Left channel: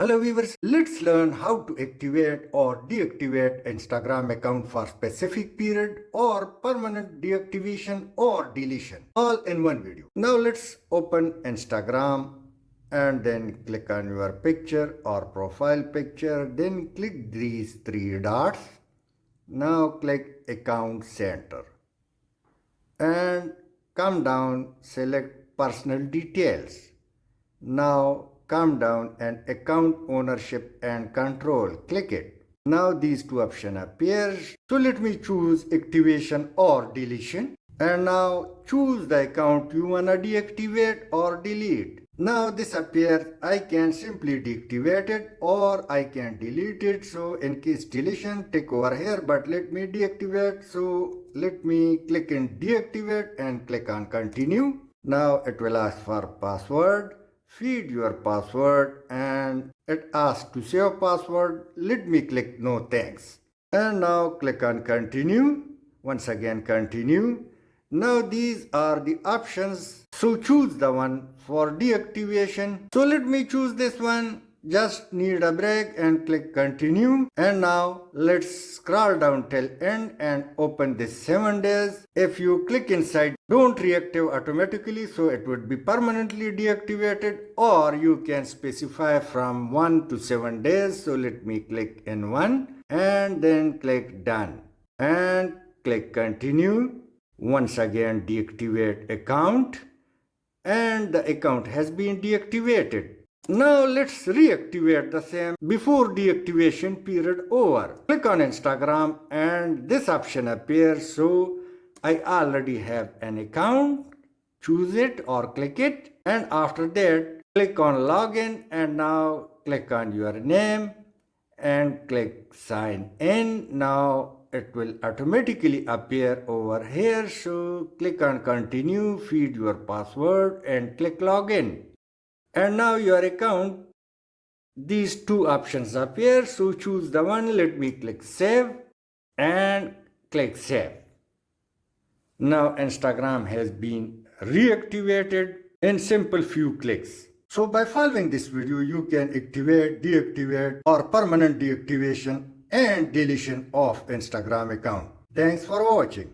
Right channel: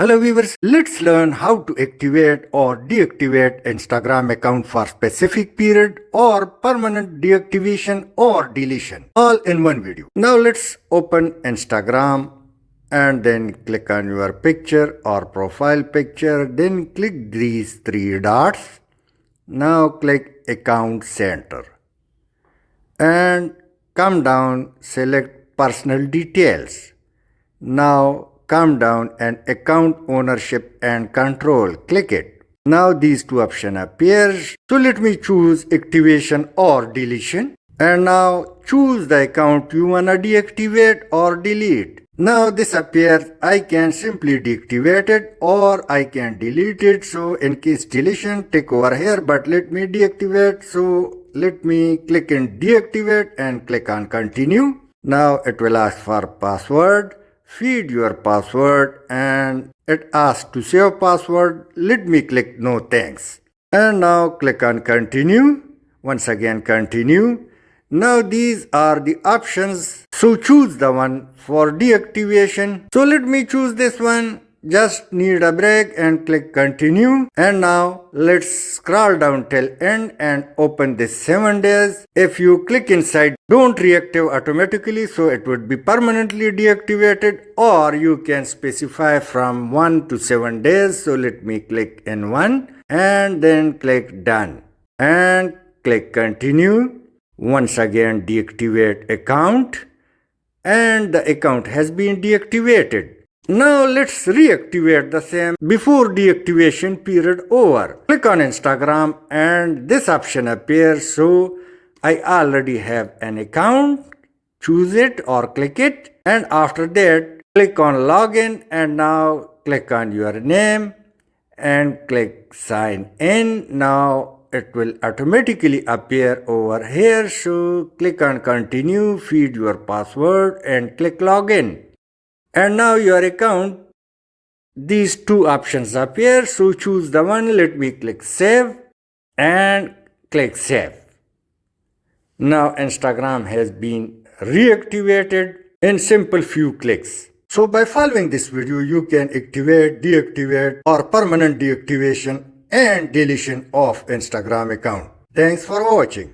Hello viewers, let's learn how to activate or deactivate Instagram account for specific period or permanent deactivation or deletion all in one video. Now let's open Instagram and then click on your picture or profile picture, then click these three dots. Now click account center and come down, select personal details. Now come down and account ownership and control. Click it. Now these two options appears. So let me choose activation or deletion. And now choose the account you wanna deactivate or delete. Now this appears. I can simply deactivate it or I can delete it. So in case deletion, take over here, but let me deactivate. So let me click in deactivate and click on continue. Now it will ask for password. Feed your password and it asks to save password. Let me click no thanks. And now click on continue. Once again continue. Now these are the options. So choose the one for deactivation. So let me choose this one. Just need a break and click continue. And now let's scroll down till end and open this 7 days. If you click inside, don't reactive automatically, so it would be permanently deactivated, or you can specify from 1 to 7 days. So let me click in 1 and then click done and click continue. Once again deactivate account and the account has been deactivated. Now let's reactivate the same before deactivation period over. Click on Instagram and this option appears. So I already have an account. Choose it or click it, and after that click on login and now click on your name and click sign in. Now it will automatically appear over here. So click on continue, feed your password and click login. And now your account, these two options appear. So choose the one. Let me click save and click save. Now Instagram has been reactivated in simple few clicks. So by following this video, you can activate, deactivate or permanent deactivation and deletion of Instagram account. Thanks for watching.